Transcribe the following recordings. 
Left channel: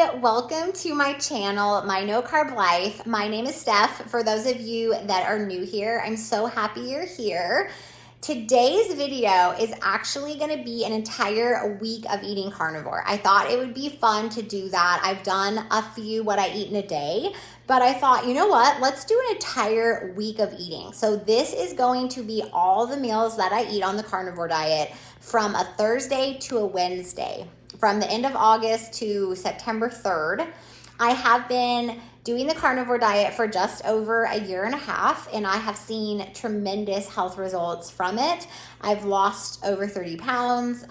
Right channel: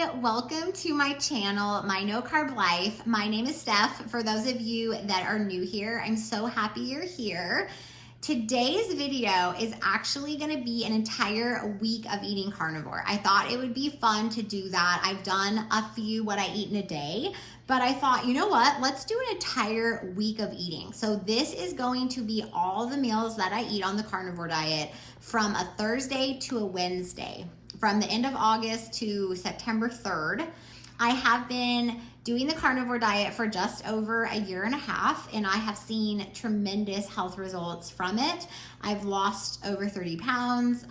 welcome to my channel, My No Carb Life. My name is Steph. For those of you that are new here, I'm so happy you're here. Today's video is actually going to be an entire week of eating carnivore. I thought it would be fun to do that. I've done a few what I eat in a day, but I thought, you know what? Let's do an entire week of eating. So this is going to be all the meals that I eat on the carnivore diet from a Thursday to a Wednesday, from the end of August to September 3rd. I have been doing the carnivore diet for just over a year and a half, and I have seen tremendous health results from it. I've lost over 30 pounds.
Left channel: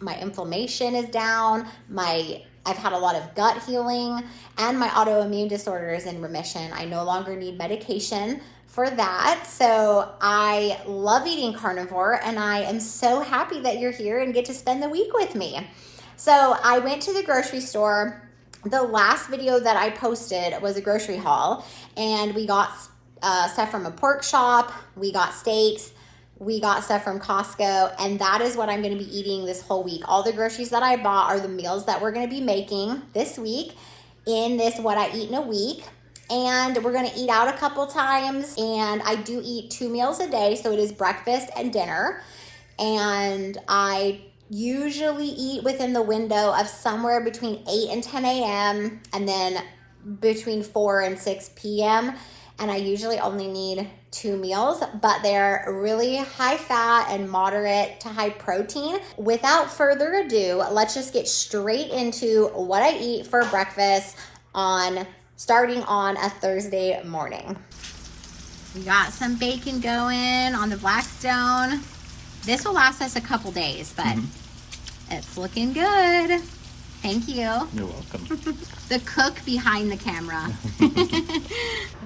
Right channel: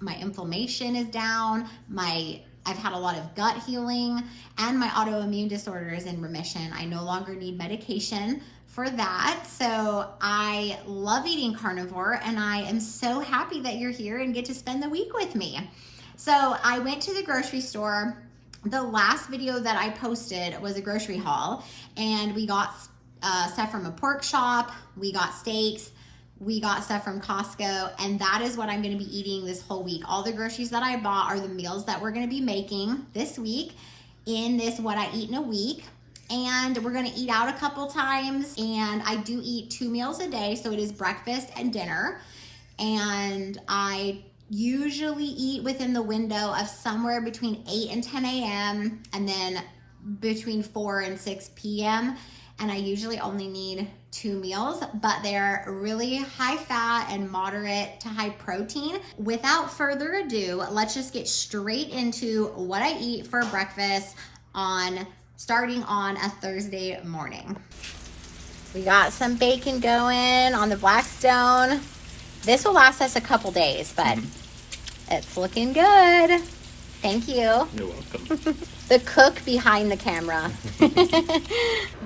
My inflammation is down. I've had a lot of gut healing, and my autoimmune disorder is in remission. I no longer need medication for that. So I love eating carnivore, and I am so happy that you're here and get to spend the week with me. So I went to the grocery store. The last video that I posted was a grocery haul, and we got stuff from a pork shop, we got steaks, we got stuff from Costco, and that is what I'm going to be eating this whole week. All the groceries that I bought are the meals that we're going to be making this week in this What I Eat in a Week. And we're going to eat out a couple times, and I do eat 2 meals a day, so it is breakfast and dinner. And I usually eat within the window of somewhere between 8 and 10 a.m. and then between 4 and 6 p.m. And I usually only need 2 meals, but they're really high fat and moderate to high protein. Without further ado, let's just get straight into what I eat for breakfast starting on a Thursday morning. We got some bacon going on the Blackstone. This will last us a couple days, but it's looking good. Thank you. You're welcome. The cook behind the camera.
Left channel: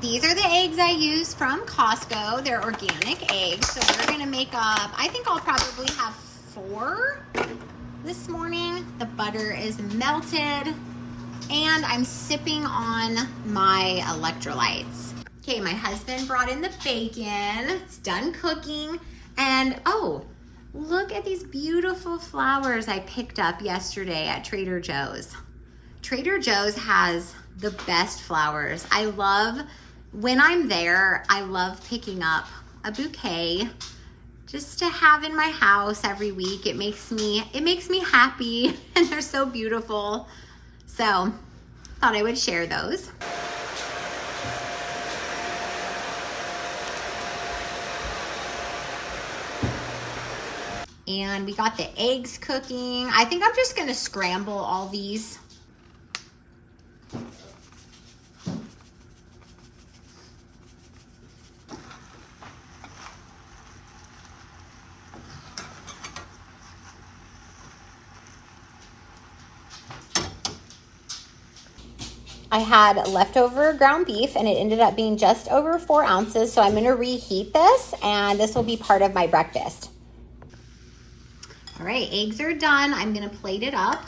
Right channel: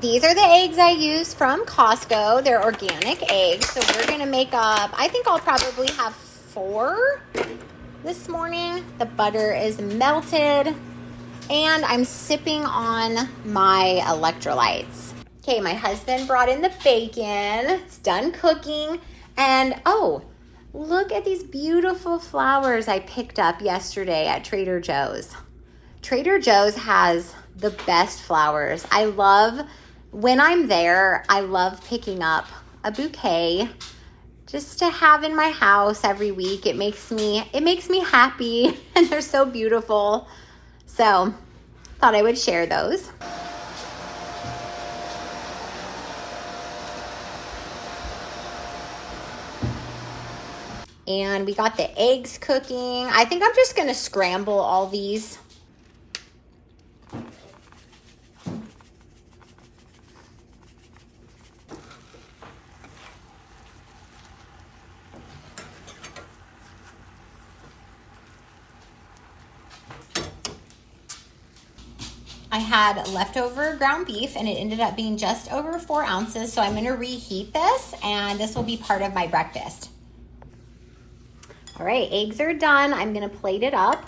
These are the eggs I use from Costco. They're organic eggs. So we're going to make up, I think I'll probably have 4 this morning. The butter is melted, and I'm sipping on my electrolytes. Okay, my husband brought in the bacon. It's done cooking. And oh, look at these beautiful flowers I picked up yesterday at Trader Joe's. Trader Joe's has the best flowers. When I'm there, I love picking up a bouquet just to have in my house every week. It makes me happy, and they're so beautiful. So, thought I would share those. And we got the eggs cooking. I think I'm just gonna scramble all these. I had leftover ground beef, and it ended up being just over 4 ounces. So I'm gonna reheat this, and this will be part of my breakfast. All right, eggs are done. I'm gonna plate it up.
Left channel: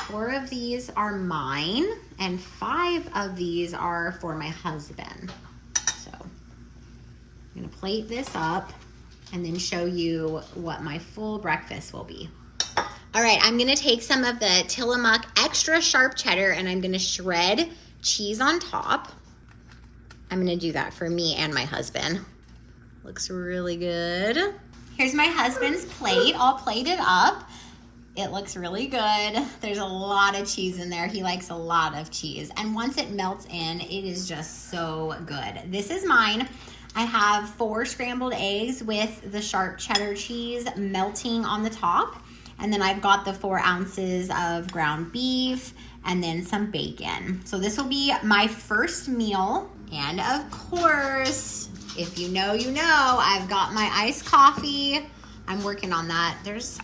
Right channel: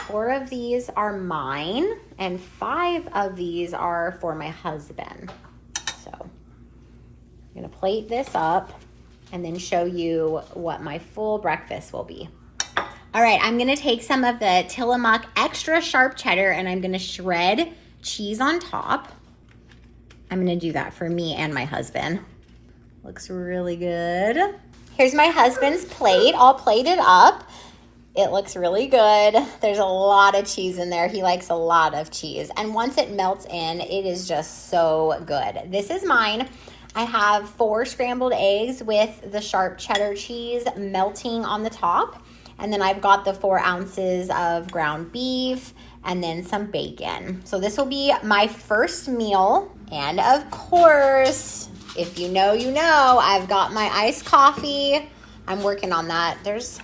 4 of these are mine, and 5 of these are for my husband. So I'm gonna plate this up and then show you what my full breakfast will be. All right, I'm gonna take some of the Tillamook extra sharp cheddar, and I'm gonna shred cheese on top. I'm gonna do that for me and my husband. Looks really good. Here's my husband's plate, all plated up. It looks really good. There's a lot of cheese in there. He likes a lot of cheese. And once it melts in, it is just so good. This is mine. I have 4 scrambled eggs with the sharp cheddar cheese melting on the top. And then I've got the 4 ounces of ground beef and then some bacon. So this will be my first meal. And of course, if you know, you know, I've got my iced coffee. I'm working on that. There's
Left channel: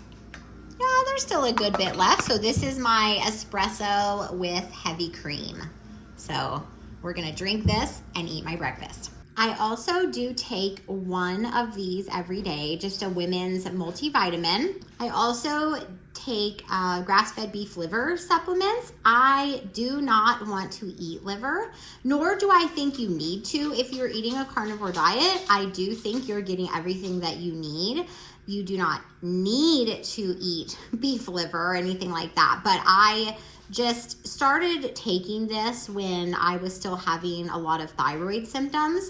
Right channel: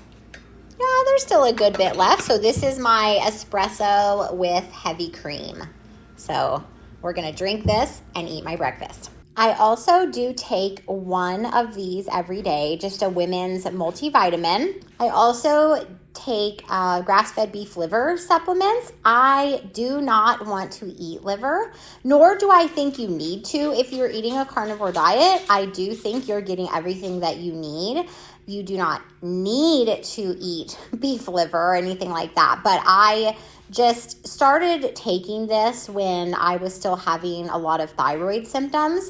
still a good bit left. So this is my espresso with heavy cream. So we're gonna drink this and eat my breakfast. I also do take 1 of these every day, just a women's multivitamin. I also take grass-fed beef liver supplements. I do not want to eat liver, nor do I think you need to if you're eating a carnivore diet. I do think you're getting everything that you need. You do not need to eat beef liver or anything like that, but I just started taking this when I was still having a lot of thyroid symptoms,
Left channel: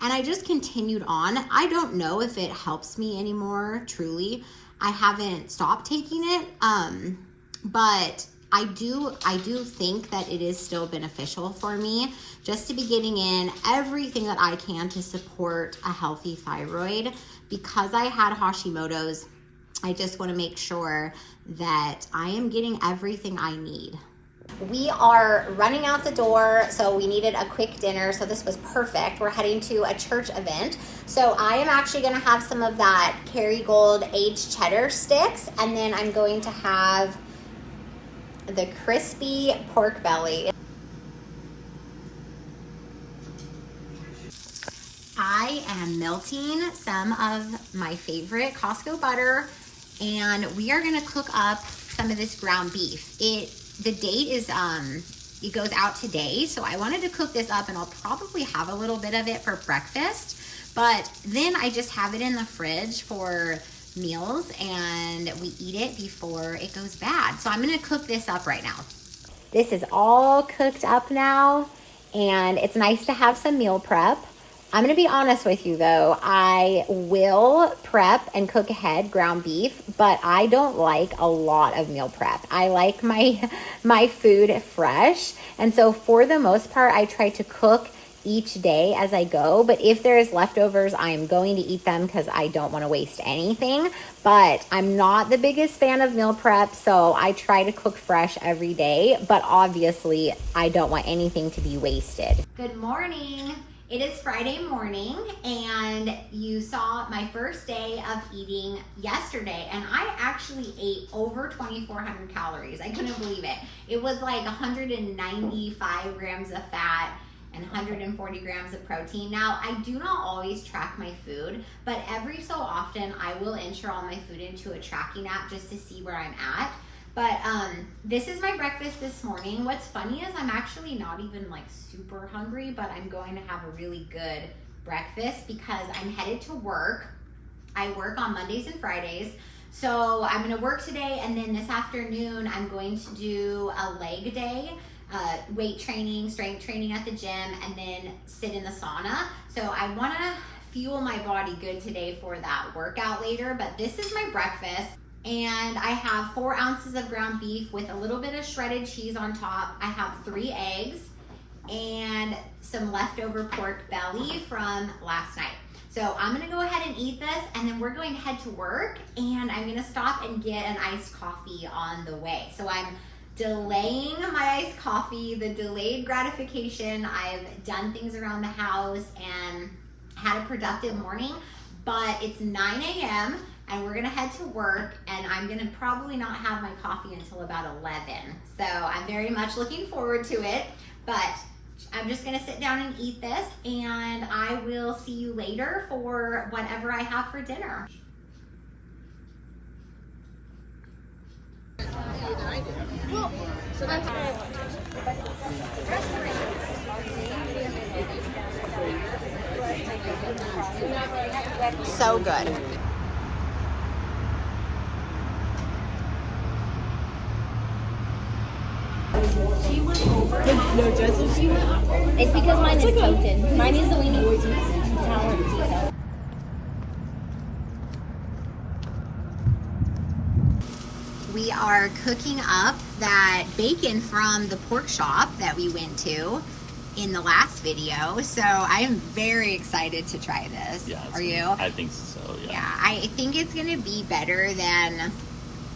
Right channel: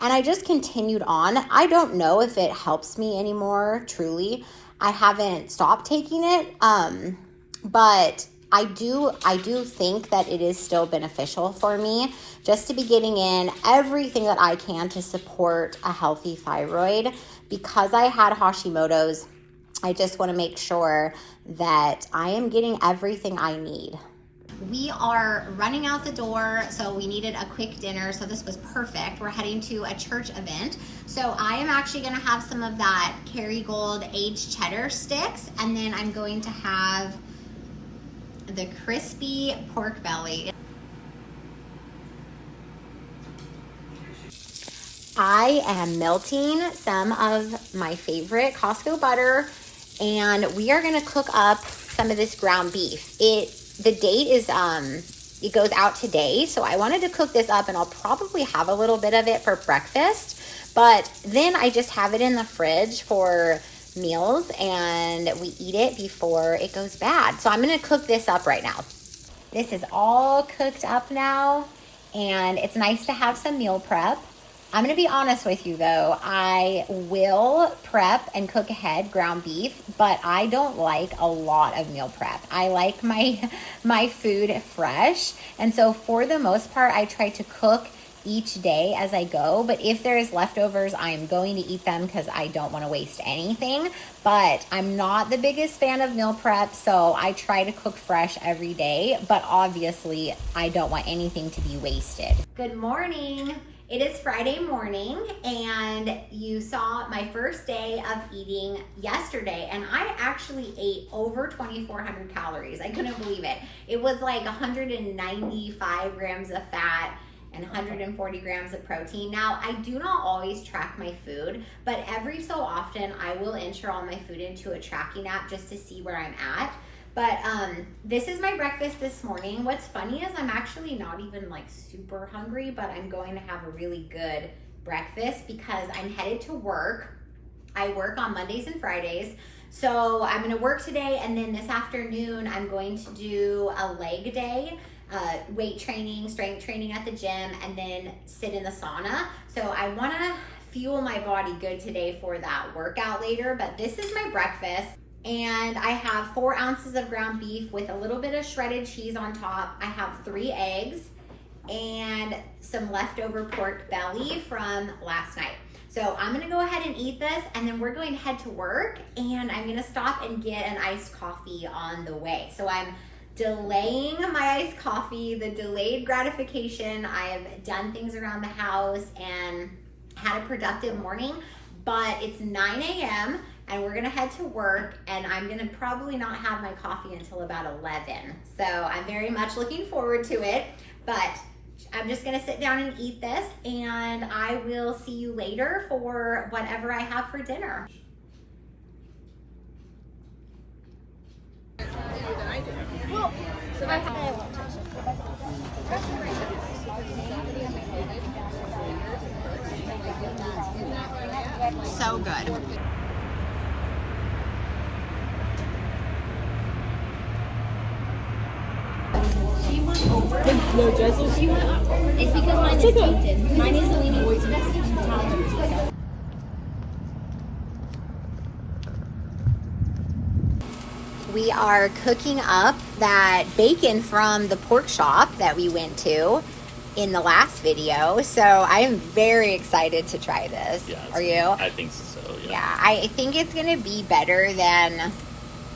and I just continued on. I don't know if it helps me anymore, truly. I haven't stopped taking it, but I do think that it is still beneficial for me just to be getting in everything that I can to support a healthy thyroid. Because I had Hashimoto's, I just want to make sure that I am getting everything I need. We are running out the door, so we needed a quick dinner, so this was perfect. We're heading to a church event. So I am actually gonna have some of that Kerrygold aged cheddar sticks, and then I'm going to have the crispy pork belly. I am melting some of my favorite Costco butter, and we are gonna cook up some of this ground beef. The date is, it goes out today, so I wanted to cook this up, and I'll probably have a little bit of it for breakfast, but then I just have it in the fridge for meals, and we eat it before it goes bad. So I'm gonna cook this up right now. This is all cooked up now, and it's nice to have some meal prep. I'm gonna be honest with you though, I will prep and cook ahead ground beef, but I don't like a lot of meal prep. I like my food fresh, and so for the most part, I try to cook each day as I go, but if there's leftovers, I'm going to eat them because I don't want to waste anything. But I'm not the biggest fan of meal prep, so I try to cook fresh every day, but obviously I don't want anything to be wasted. Good morning. It is Friday morning, and you saw my first day of eating yesterday, and I actually ate over 2,400 calories. I couldn't believe it. It was like 195 grams of fat and 140 grams of protein. Now, I do not always track my food, but every so often I will enter all my food into a tracking app just to see where I'm at. But this is my breakfast this morning. What's funny is I'm actually not even like super hungry, but I'm going to have a really good breakfast because I'm headed to work. I work on Mondays and Fridays. So I'm gonna work today, and then this afternoon I'm going to do a leg day, weight training, strength training at the gym, and then sit in the sauna. So I wanna fuel my body good today for that workout later, but this is my breakfast. And I have 4 ounces of ground beef with a little bit of shredded cheese on top. I have 3 eggs and some leftover pork belly from last night. So I'm gonna go ahead and eat this, and then we're going to head to work, and I'm gonna stop and get an iced coffee on the way. So I'm delaying my iced coffee, the delayed gratification. I have done things around the house and had a productive morning, but it's 9 a.m. and we're gonna head to work, and I'm gonna probably not have my coffee until about 11. So I'm very much looking forward to it, but I'm just gonna sit down and eat this, and I will see you later for whatever I have for dinner. So good. It's because mine is tainted. Mine is leaning tolerant. We are cooking up that bacon from the pork shop that we went to in the last video. So I am very excited to try this. Yeah, Are you? I think so, yeah. Yeah, I think it's gonna be better than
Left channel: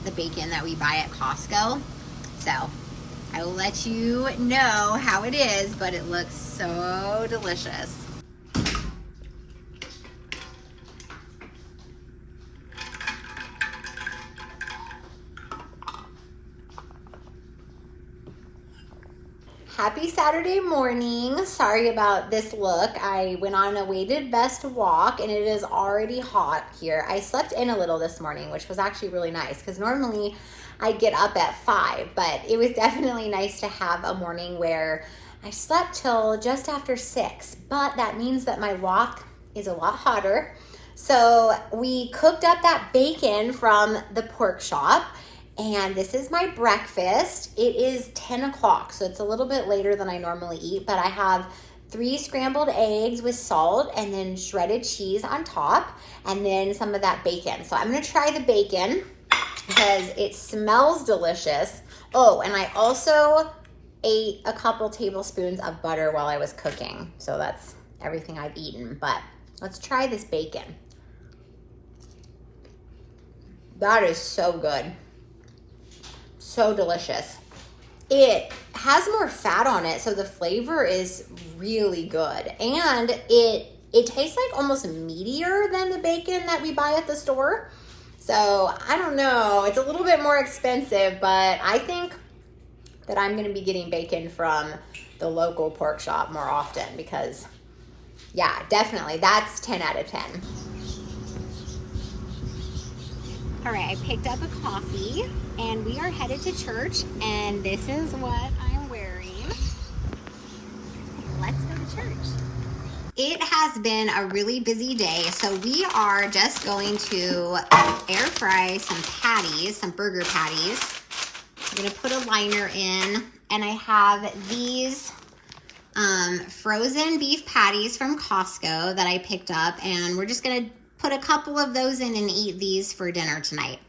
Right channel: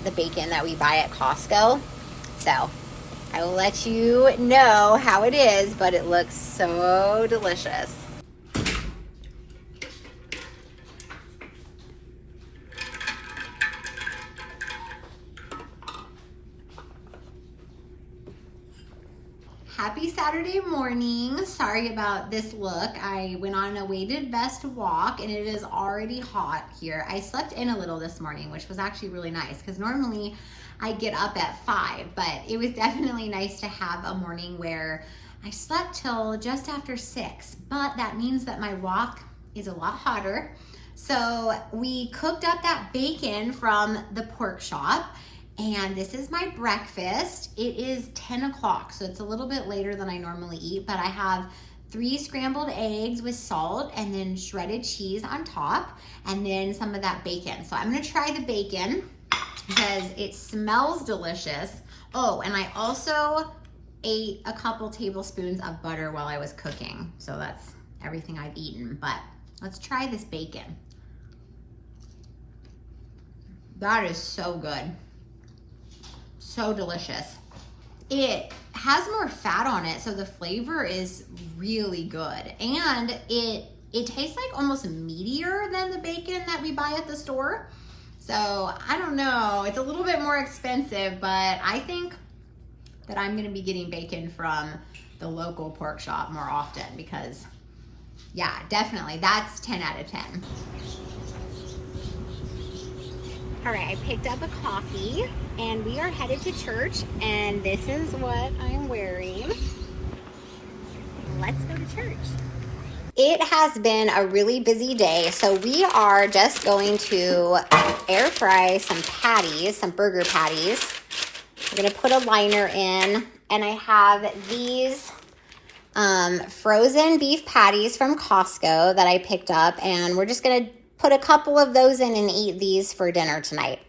the bacon that we buy at Costco. So I will let you know how it is, but it looks so delicious. Happy Saturday morning. Sorry about this look. I went on a weighted vest walk, and it is already hot here. I slept in a little this morning, which was actually really nice because normally I get up at 5, but it was definitely nice to have a morning where I slept till just after 6, but that means that my walk is a lot hotter. So we cooked up that bacon from the pork shop, And this is my breakfast. It is 10 o'clock, so it's a little bit later than I normally eat, but I have 3 scrambled eggs with salt and then shredded cheese on top, and then some of that bacon. So I'm gonna try the bacon because it smells delicious. Oh, and I also ate a couple tablespoons of butter while I was cooking. So that's everything I've eaten, but let's try this bacon. That is so good. So delicious. It has more fat on it, so the flavor is really good. And it tastes like almost meatier than the bacon that we buy at the store. So I don't know, it's a little bit more expensive, but I think that I'm gonna be getting bacon from the local pork shop more often because, yeah, definitely, that's 10 out of 10. All right, I picked up a coffee and we are headed to church, and this is what I'm wearing. Let's go to church. It has been a really busy day, so we are just going to air fry some patties, some burger patties. I'm gonna put a liner in, and I have these frozen beef patties from Costco that I picked up, and we're just gonna put a couple of those in and eat these for dinner tonight.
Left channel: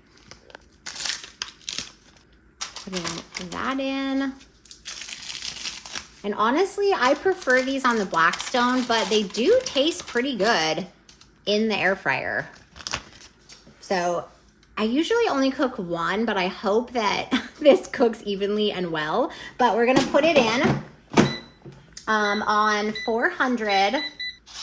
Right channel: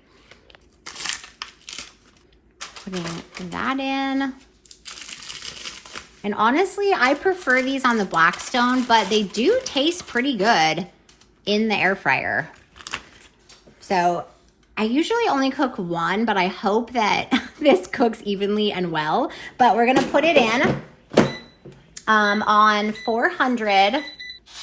Put that in. And honestly, I prefer these on the Blackstone, but they do taste pretty good in the air fryer. So I usually only cook one, but I hope that this cooks evenly and well. But we're gonna put it in on 400.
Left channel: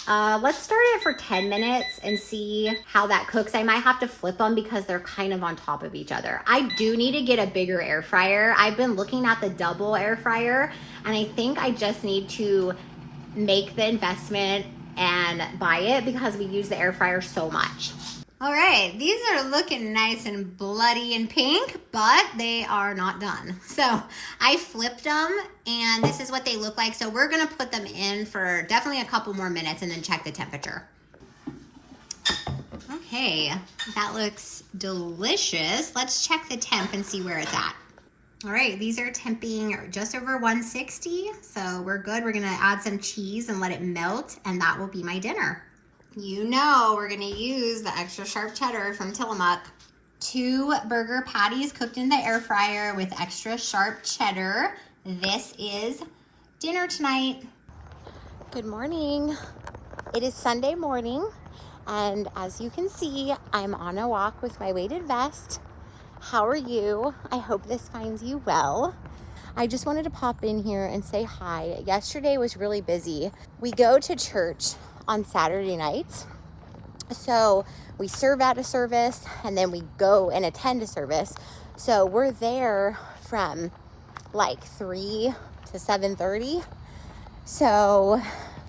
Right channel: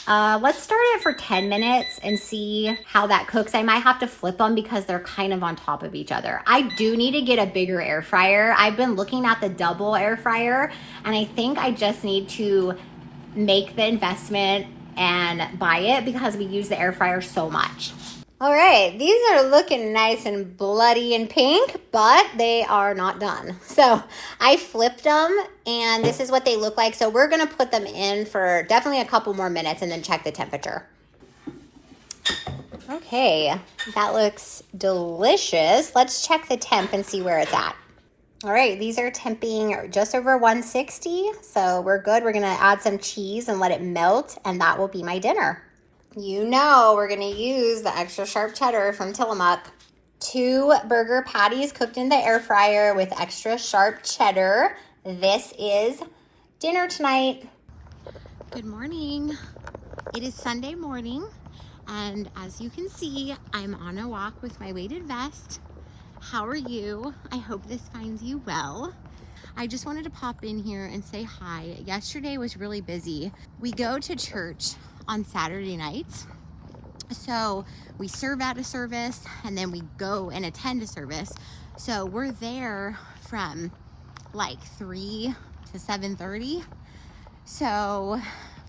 Let's start it for 10 minutes and see how that cooks. I might have to flip them because they're kind of on top of each other. I do need to get a bigger air fryer. I've been looking at the double air fryer, and I think I just need to make the investment and buy it because we use the air fryer so much. All right, these are looking nice and bloody and pink, but they are not done. So I flipped them, and this is what they look like. So we're gonna put them in for definitely a couple more minutes and then check the temperature. Okay, that looks delicious. Let's check the temp and see where it's at. All right, these are temping just over 160, so we're good. We're gonna add some cheese and let it melt, and that will be my dinner. You know we're gonna use the extra sharp cheddar from Tillamook. 2 burger patties cooked in the air fryer with extra sharp cheddar. This is dinner tonight. Good morning. It is Sunday morning, and as you can see, I'm on a walk with my weighted vest. How are you? I hope this finds you well. I just wanted to pop in here and say hi. Yesterday was really busy. We go to church on Saturday nights. So we serve at a service and then we go and attend a service. So we're there from like 3 to 7:30. So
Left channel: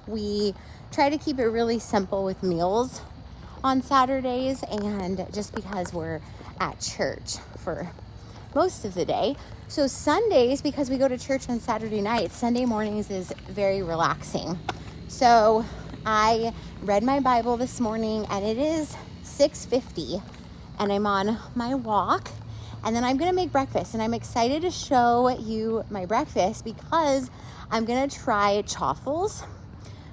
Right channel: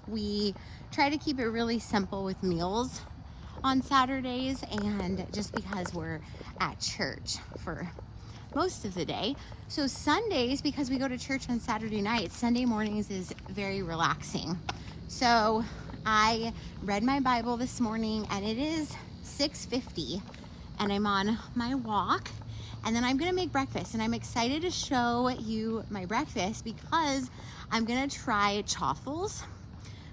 we try to keep it really simple with meals on Saturdays, and just because we're at church for most of the day. So Sundays, because we go to church on Saturday nights, Sunday mornings is very relaxing. So I read my Bible this morning, and it is 6:50, and I'm on my walk, and then I'm gonna make breakfast, and I'm excited to show you my breakfast because I'm gonna try chaffles.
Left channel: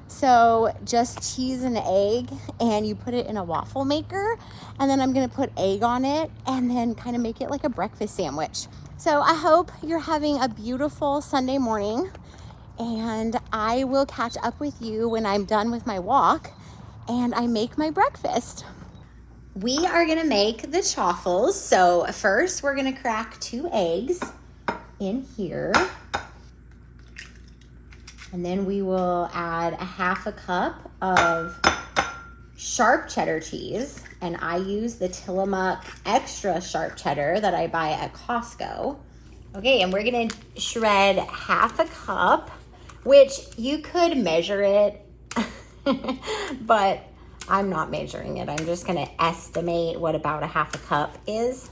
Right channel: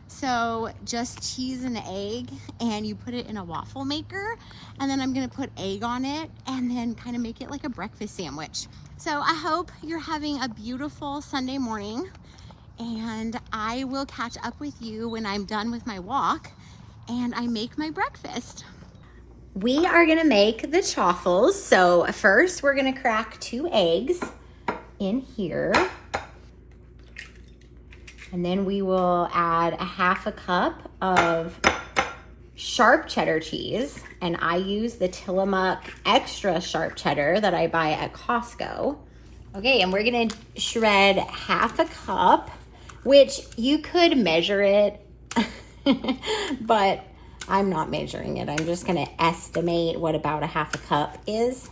So just cheese and egg, and you put it in a waffle maker, and then I'm gonna put egg on it and then kind of make it like a breakfast sandwich. So I hope you're having a beautiful Sunday morning, and I will catch up with you when I'm done with my walk and I make my breakfast. We are gonna make the chaffles. So first we're gonna crack 2 eggs in here. And then we will add a 1/2 cup of sharp cheddar cheese. And I use the Tillamook extra sharp cheddar that I buy at Costco. Okay, and we're gonna shred 1/2 cup, which you could measure it, but I'm not measuring it. I'm just gonna estimate what about a 1/2 cup is.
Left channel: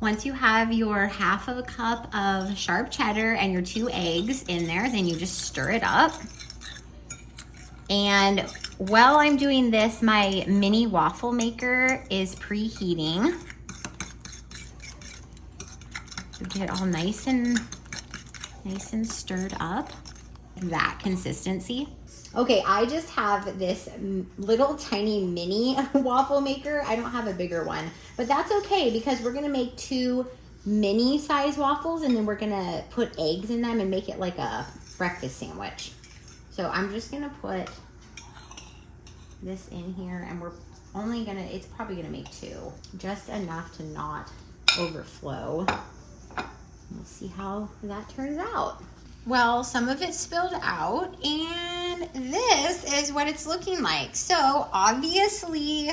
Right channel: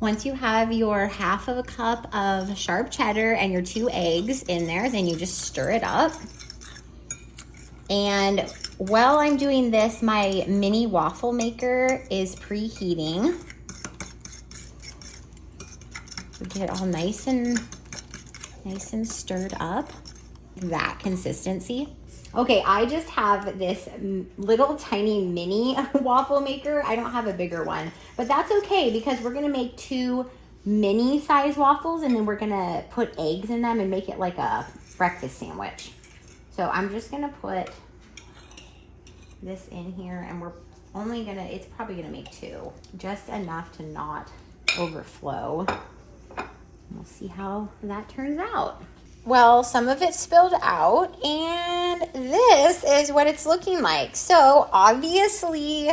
Once you have your 1/2 cup of sharp cheddar and your 2 eggs in there, then you just stir it up. And while I'm doing this, my mini waffle maker is preheating. get all nice and stirred up. That consistency. Okay, I just have this little tiny mini waffle maker. I don't have a bigger one, but that's okay because we're gonna make 2 mini size waffles and then we're gonna put eggs in them and make it like a breakfast sandwich. So I'm just gonna put this in here and it's probably gonna make 2, just enough to not overflow. We'll see how that turns out. Well, some of it spilled out and this is what it's looking like. So obviously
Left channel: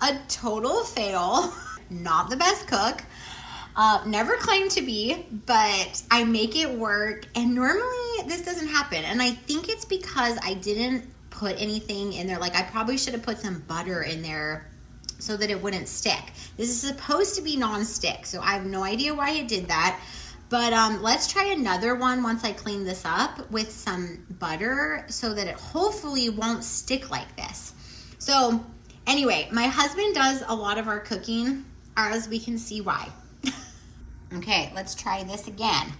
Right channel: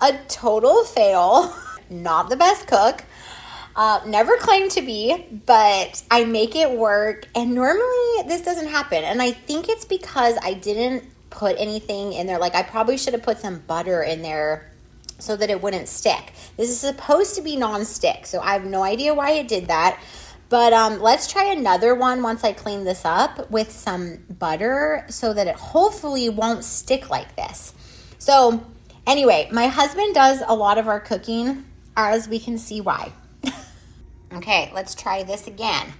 a total fail, not the best cook. Never claimed to be, but I make it work and normally this doesn't happen. And I think it's because I didn't put anything in there. Like I probably should have put some butter in there so that it wouldn't stick. This is supposed to be non-stick, so I have no idea why it did that. But let's try another one once I clean this up with some butter so that it hopefully won't stick like this. So anyway, my husband does a lot of our cooking, as we can see why. Okay, let's try this again.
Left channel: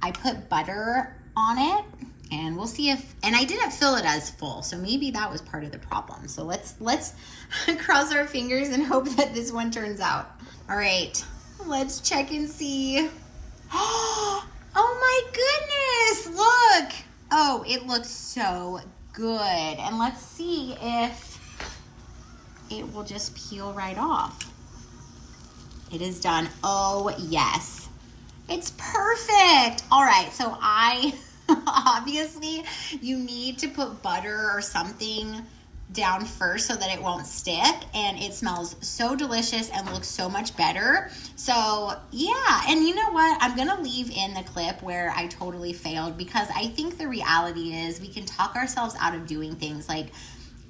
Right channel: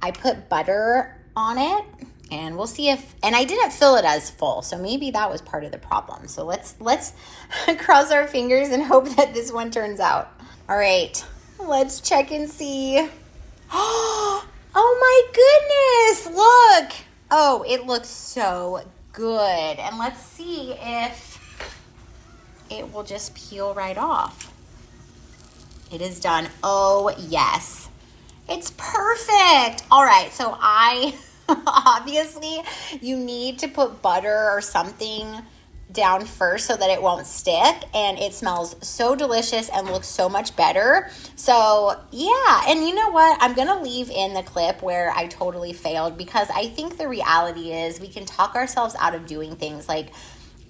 I put butter on it and we'll see and I didn't fill it as full, so maybe that was part of the problem. So let's cross our fingers and hope that this one turns out. All right, let's check and see. Oh my goodness, look. Oh, it looks so good. And let's see if it will just peel right off. It is done. Oh yes, it's perfect. All right, so obviously you need to put butter or something down first so that it won't stick, and it smells so delicious and looks so much better. So yeah, and you know what, I'm gonna leave in the clip where I totally failed because I think the reality is we can talk ourselves out of doing things. Like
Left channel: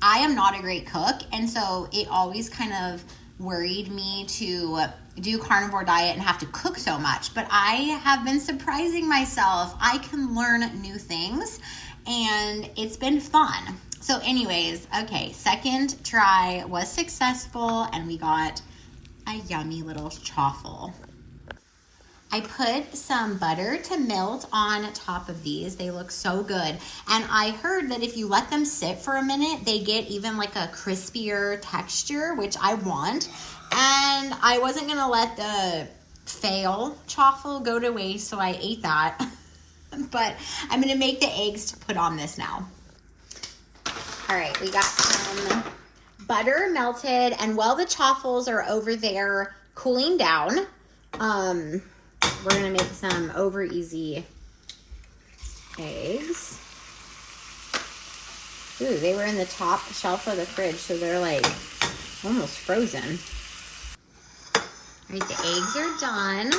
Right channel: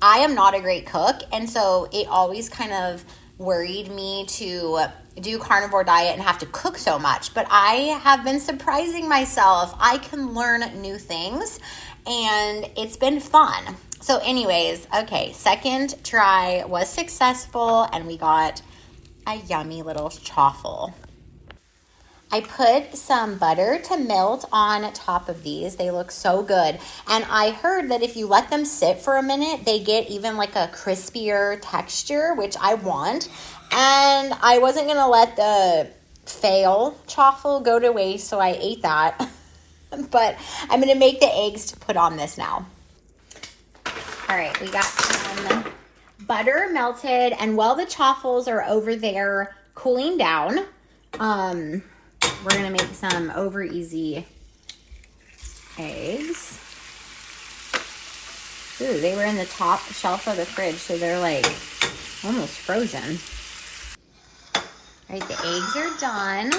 I am not a great cook, and so it always kind of worried me to do carnivore diet and have to cook so much, but I have been surprising myself. I can learn new things and it's been fun. So anyways, okay, second try was successful and we got a yummy little chaffle. I put some butter to melt on top of these. They look so good. And I heard that if you let them sit for a minute, they get even like a crispier texture, which I want. And I wasn't gonna let the fail chaffle go to waste, so I ate that. But I'm gonna make the eggs to put on this now. All right, we got some butter melted, and while the chaffles are over there cooling down, we're gonna make some over easy eggs. Ooh, they were in the top shelf of the fridge, so they're like almost frozen. All right, the eggs are done.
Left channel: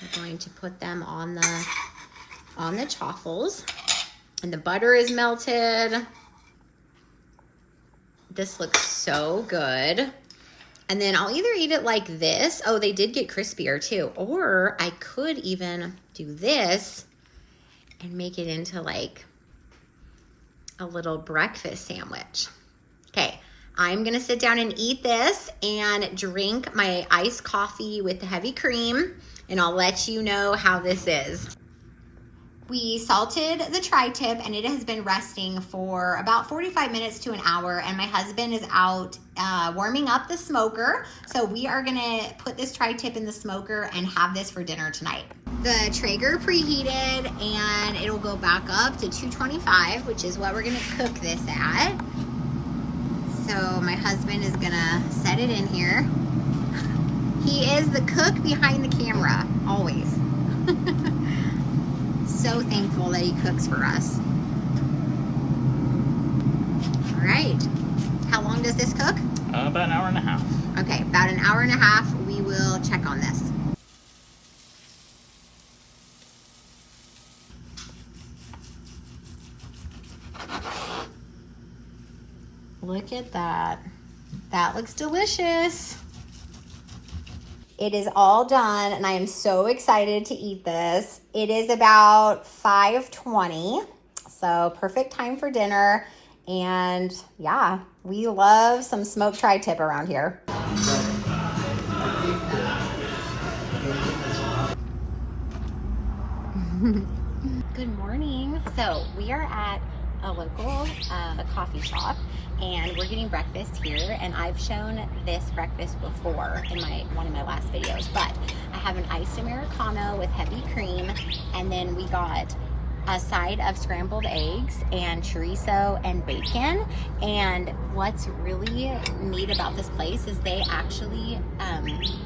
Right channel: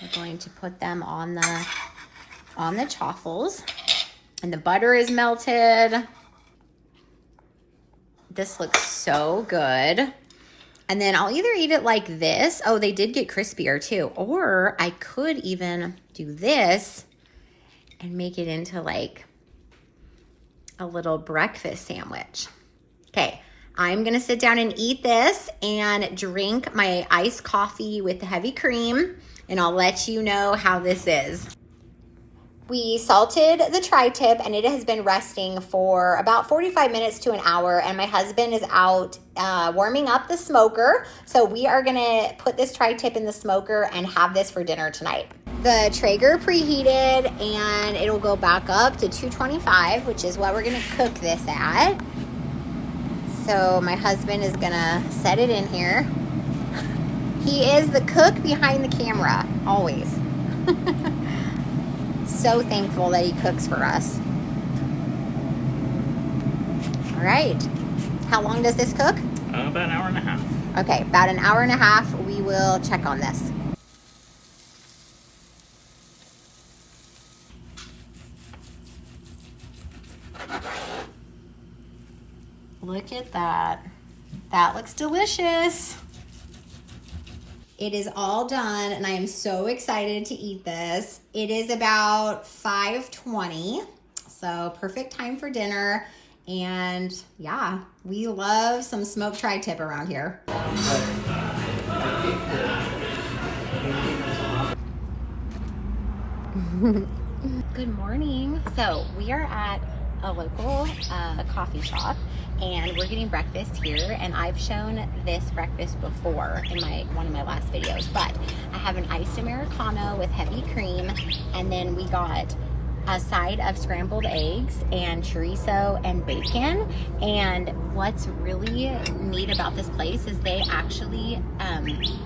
I'm going to put them on the chaffles, and the butter is melted. This looks so good. And then I'll either eat it like this. Oh, they did get crispier too. Or I could even do this and make it into like a little breakfast sandwich. Okay, I'm gonna sit down and eat this and drink my iced coffee with the heavy cream, and I'll let you know how this is. We salted the tri-tip and it has been resting for about 45 minutes to an hour, and my husband is out warming up the smoker. So we are gonna put this tri-tip in the smoker and have this for dinner tonight. The Traeger preheated and it'll go back up to 225, which is what we're gonna cook this at. So my husband is gonna set it in here. He is the cook behind the camera, always. So thankful that he cooks for us. All right. How long does this cook? About an hour and a half. Okay, about an hour and a half. We will check on this. Look at that. That looks delicious. It is all done and I am so excited to eat this. It is about 5:20, so perfect time for dinner. And yeah, we love some smoked tri-tip around here. Good morning. So we are at a local coffee shop and we're getting breakfast here, and I've shown this breakfast before in one of my last videos, but I have an iced Americano with heavy cream, and then we got a side of scrambled eggs and chorizo and bacon. And what's really neat about this place is they actually,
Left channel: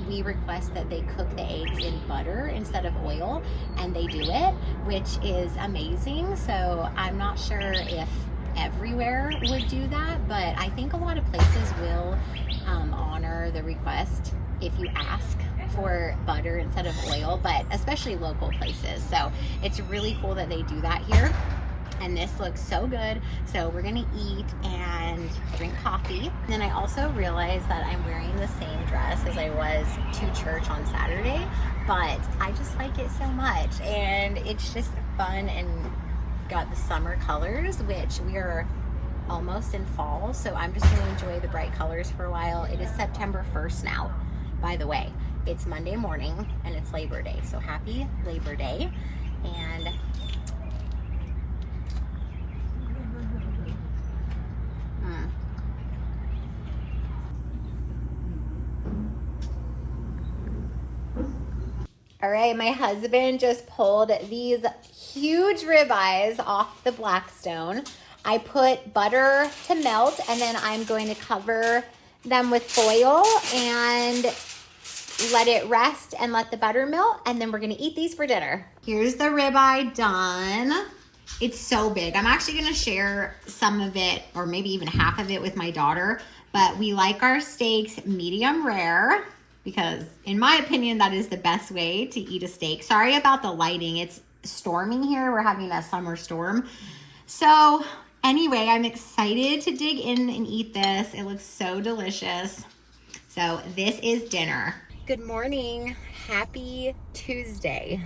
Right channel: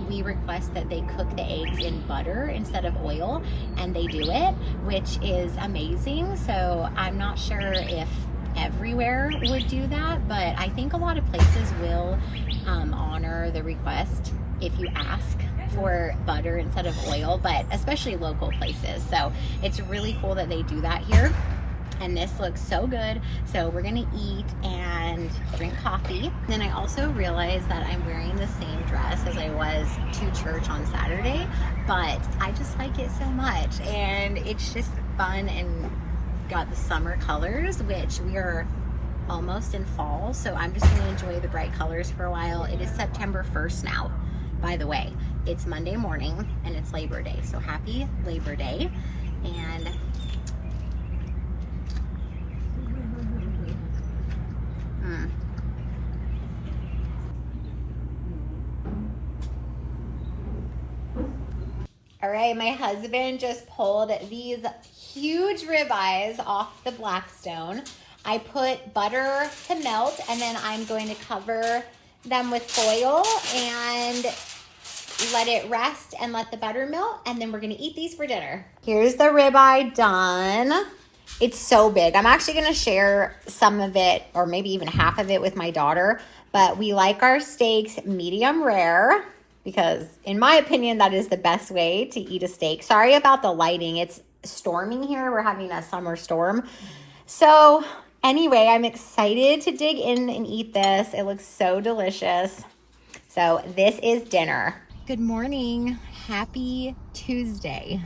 we request that they cook the eggs in butter instead of oil, and they do it, which is amazing. So I'm not sure if everywhere would do that, but I think a lot of places will honor the request if you ask for butter instead of oil, but especially local places. So it's really cool that they do that here. And this looks so good. So we're gonna eat and drink coffee. Then I also realized that I'm wearing the same dress as I was to church on Saturday, but I just like it so much. And it's just fun and got the summer colors, which we are almost in fall. So I'm just gonna enjoy the bright colors for a while. It is September 1st now, by the way. It's Monday morning and it's Labor Day. So happy Labor Day. And all right, my husband just pulled these huge ribeyes off the Blackstone. I put butter to melt, and then I'm going to cover them with foil and let it rest and let the butter melt, and then we're gonna eat these for dinner. Here's the ribeye done. It's so big. I'm actually gonna share some of it, or maybe even half of it, with my daughter, but we like our steaks medium rare because in my opinion, that is the best way to eat a steak. Sorry about the lighting. It's storming here. We're having a summer storm. So anyway, I'm excited to dig in and eat this. It looks so delicious. So this is dinner. Good morning. Happy Tuesday.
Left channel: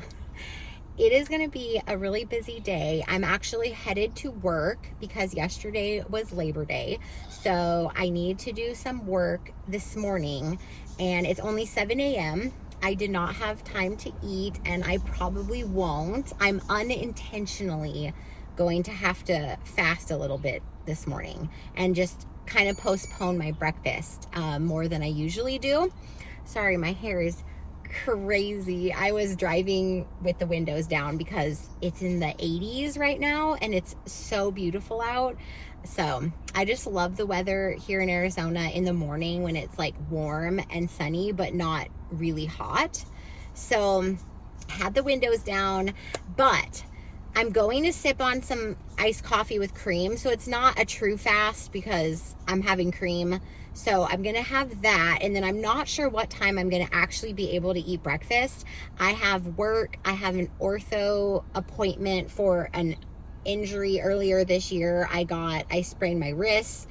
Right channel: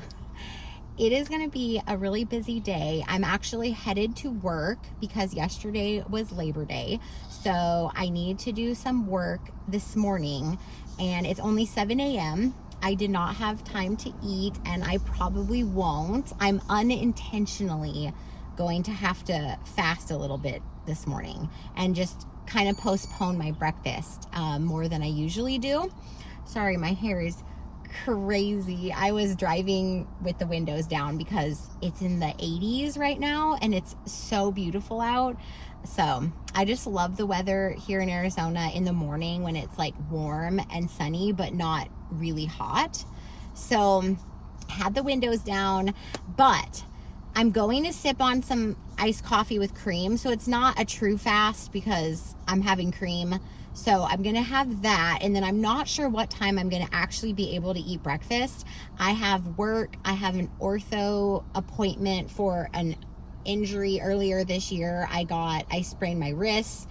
It is going to be a really busy day. I'm actually headed to work because yesterday was Labor Day. So I need to do some work this morning, and it's only 7 a.m. I did not have time to eat, and I probably won't. I'm unintentionally going to have to fast a little bit this morning and just kind of postpone my breakfast more than I usually do. Sorry, my hair is crazy. I was driving with the windows down because it's in the 80s right now and it's so beautiful out. So I just love the weather here in Arizona in the morning when it's like warm and sunny but not really hot. So had the windows down, but I'm going to sip on some iced coffee with cream. So it's not a true fast because I'm having cream. So I'm gonna have that, and then I'm not sure what time I'm gonna actually be able to eat breakfast. I have work, I have an ortho appointment for an injury earlier this year. I sprained my wrist,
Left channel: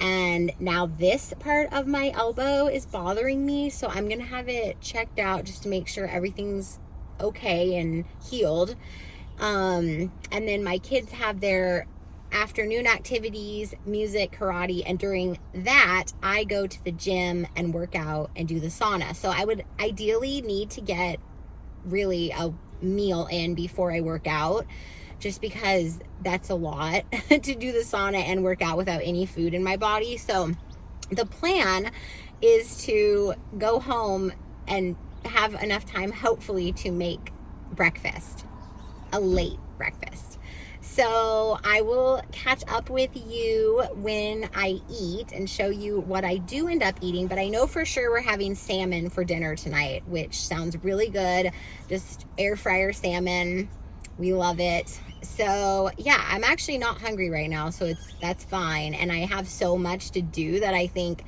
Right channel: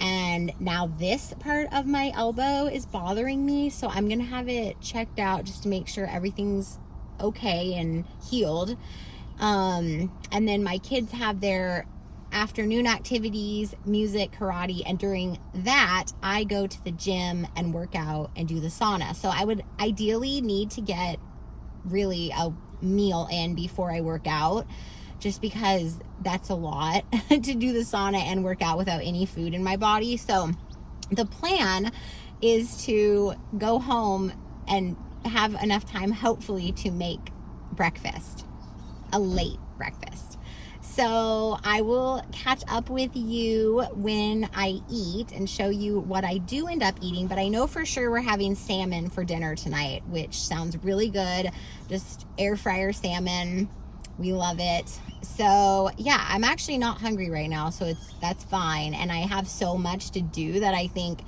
and now this part of my elbow is bothering me. So I'm gonna have it checked out just to make sure everything's okay and healed. And then my kids have their afternoon activities, music, karate, and during that I go to the gym and work out and do the sauna. So I would ideally need to get really a meal in before I work out, just because that's a lot to do the sauna and work out without any food in my body. So the plan is to go home and have enough time, hopefully, to make breakfast, a late breakfast. So I will catch up with you when I eat and show you what I do end up eating. But I know for sure we're having salmon for dinner tonight, which sounds really good. Just air fryer salmon. We love it. So yeah, I'm actually not hungry right now, so that's fine. And I have so much to do that I think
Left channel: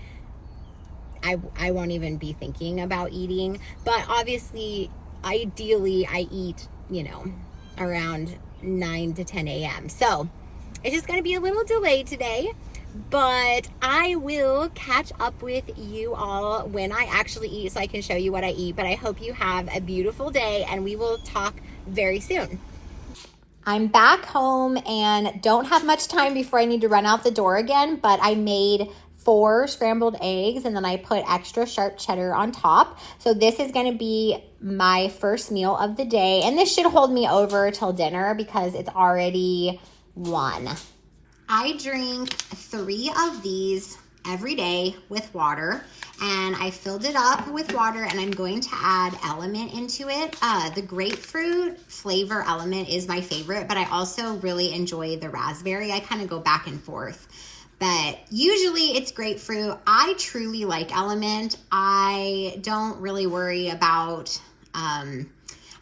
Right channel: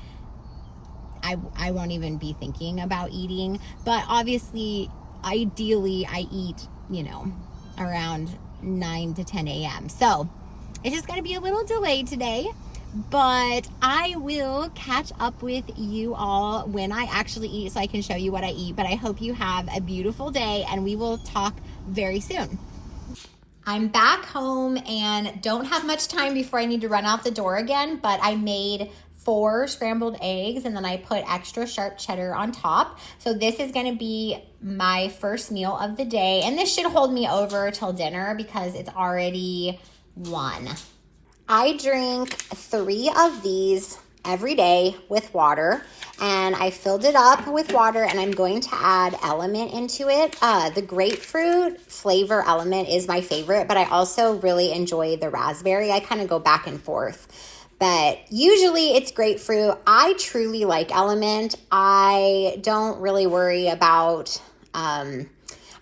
I won't even be thinking about eating. But obviously, ideally, I eat, around 9 to 10 a.m. So it's just going to be a little delayed today, but I will catch up with you all when I actually eat so I can show you what I eat. But I hope you have a beautiful day, and we will talk very soon. I'm back home and don't have much time before I need to run out the door again, but I made 4 scrambled eggs, and then I put extra sharp cheddar on top. So this is gonna be my first meal of the day, and this should hold me over till dinner because it's already 1. I drink 3 of these every day with water, and I filled it up with water, and I'm going to add Element into it. The grapefruit flavor Element is my favorite, but I also really enjoy the raspberry. I kind of go back and forth, but usually it's grapefruit. I truly like Element. I don't really worry about, I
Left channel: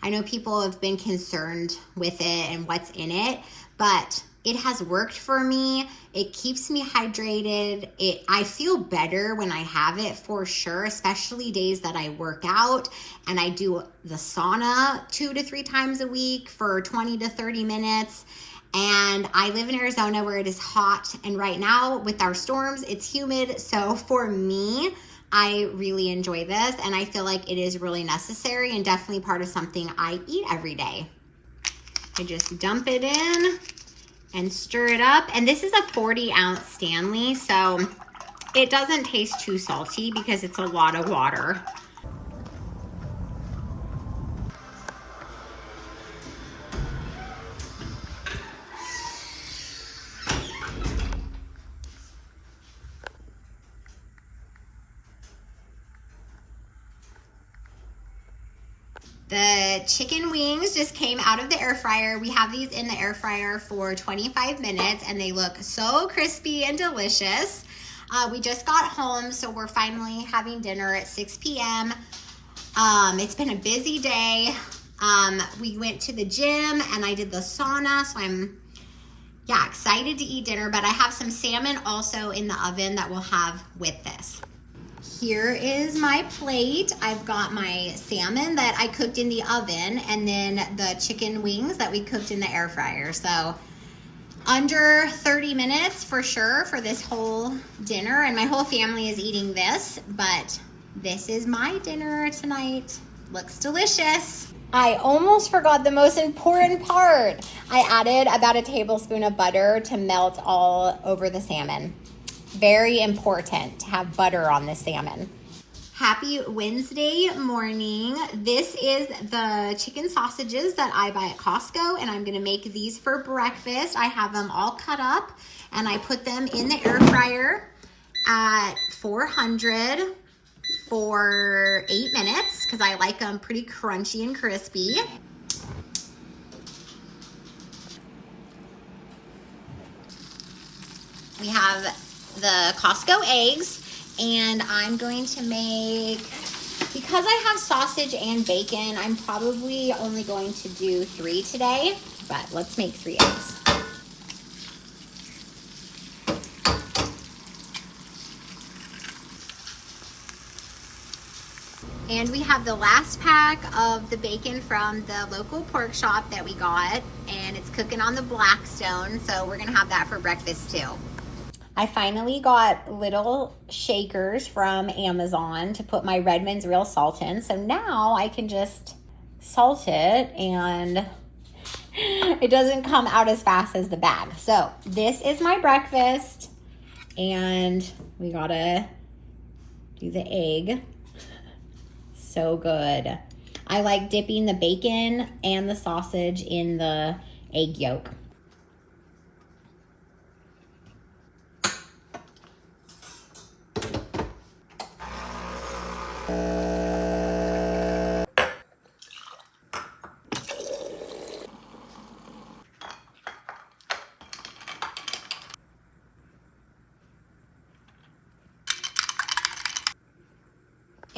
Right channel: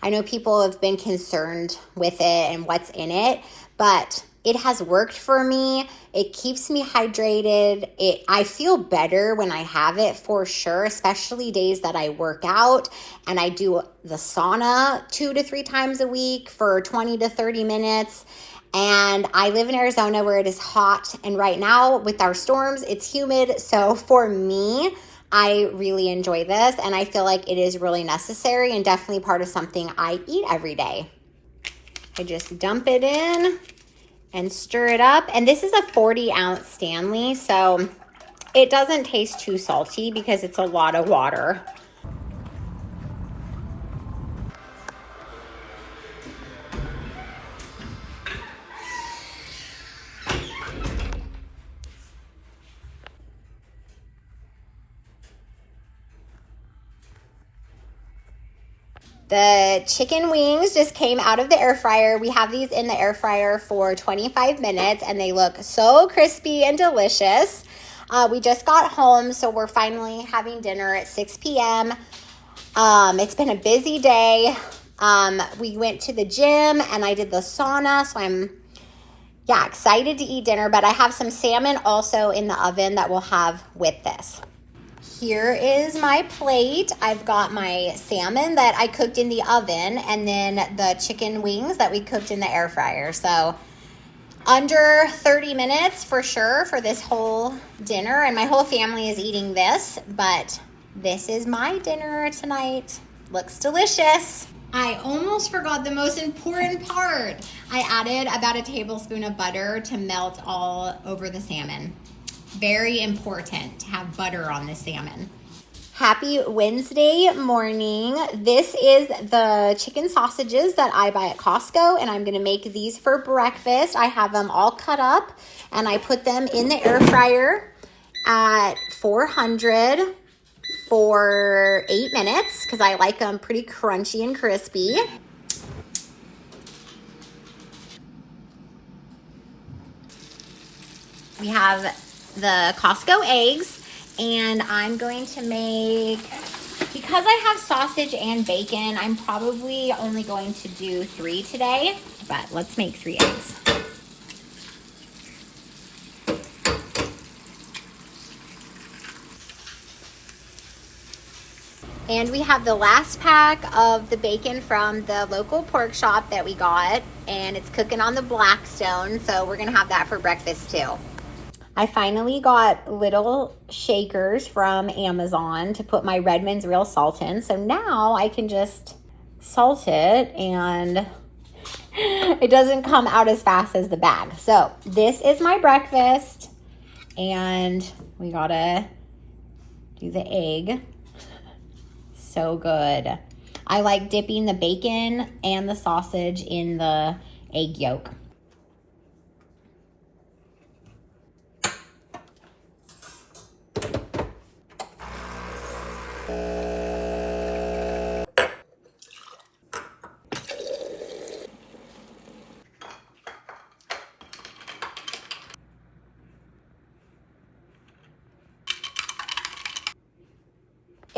know people have been concerned with it and what's in it, but it has worked for me. It keeps me hydrated. I feel better when I have it for sure, especially days that I work out and I do the sauna 2 to 3 times a week for 20 to 30 minutes. And I live in Arizona where it is hot. And right now with our storms, it's humid. So for me, I really enjoy this. And I feel like it is really necessary and definitely part of something I eat every day. I just dump it in and stir it up. And this is a 40-ounce Stanley, so it doesn't taste too salty because it's a lot of water. The chicken wings just came out of the air fryer. We have these in the air fryer for 25 minutes and they look so crispy and delicious. We just got home, so we're finally having dinner at 6 p.m. It's been a busy day. We went to the gym and I did the sauna, so I'm excited to eat dinner, but I have some salmon also in the oven that we'll have with this. Here is my plate. I've got my salmon that I cooked in the oven and then the chicken wings that we cooked in the air fryer. So under 30 minutes for sure for this whole dinner, and my whole family is eating this, but this is my dinner tonight. Looks delicious. I almost forgot the most important part. I added about a tablespoon of butter to melt all over the salmon. Very important to have butter on the salmon. Happy Wednesday morning. This is the chicken sausages that I buy at Costco, and I'm gonna make these for breakfast. I have them all cut up, and I put them in the air fryer at 400 for 8 minutes, because I like them pretty crunchy and crispy. We have the Costco eggs, and I'm going to make, because I have sausage and bacon, I'm probably only going to do 3 today, but let's make 3 eggs. And we have the last pack of the bacon from the local pork shop that we got, and it's cooking on the Blackstone, so we're gonna have that for breakfast too. I finally got little shakers from Amazon to put my Redmond's real salt in. So now I can just salt it and it doesn't come out as fast as the bag. So this is my breakfast, and we gotta do the egg. So good. I like dipping the bacon and the sausage in the egg yolk.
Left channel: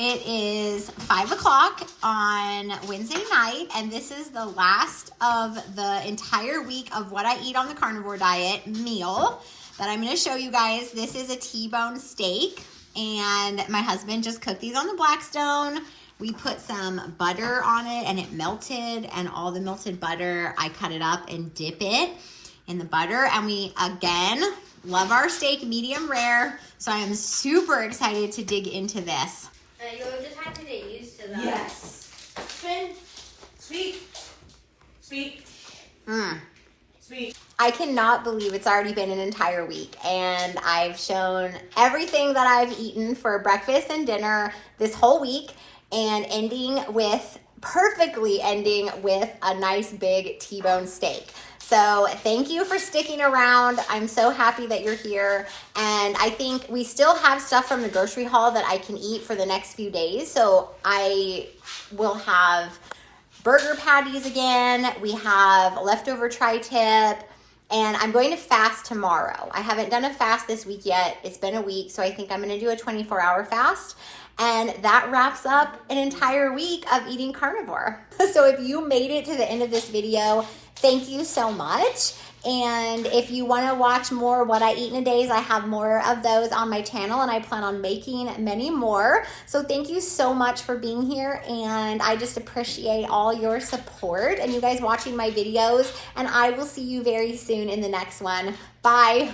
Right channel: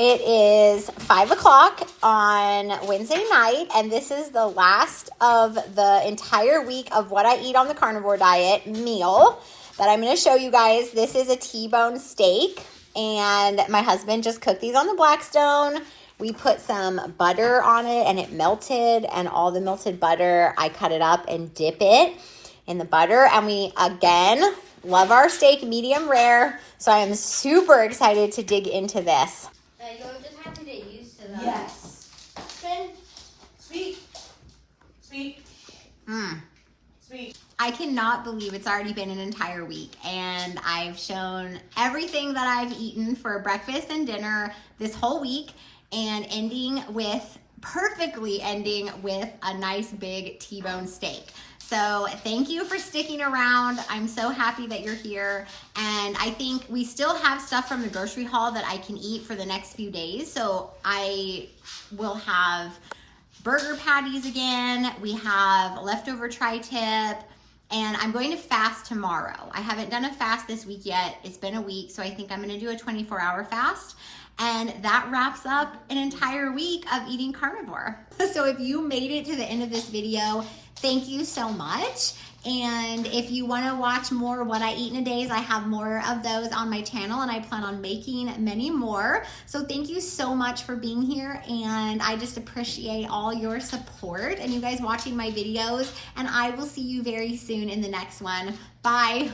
It is 5 o'clock on Wednesday night, and this is the last of the entire week of what I eat on the carnivore diet meal that I'm going to show you guys. This is a T-bone steak, and my husband just cooked these on the Blackstone. We put some butter on it, and it melted, and all the melted butter, I cut it up and dip it in the butter, and we, again, love our steak medium rare, so I am super excited to dig into this. You'll just have to get used to that. Yes. Finn, speak. Speak. Mm. Speak. I cannot believe it's already been an entire week, and I've shown everything that I've eaten for breakfast and dinner this whole week, and perfectly ending with a nice big T-bone steak. So thank you for sticking around. I'm so happy that you're here. And I think we still have stuff from the grocery haul that I can eat for the next few days. So I will have burger patties again. We have leftover tri-tip. And I'm going to fast tomorrow. I haven't done a fast this week yet. It's been a week, so I think I'm gonna do a 24-hour fast. And that wraps up an entire week of eating carnivore. So if you made it to the end of this video, thank you so much. And if you want to watch more what I eat in a day, I have more of those on my channel, and I plan on making many more. So thank you so much for being here, and I just appreciate all your support and you guys watching my videos, and I will see you very soon in the next one. Bye.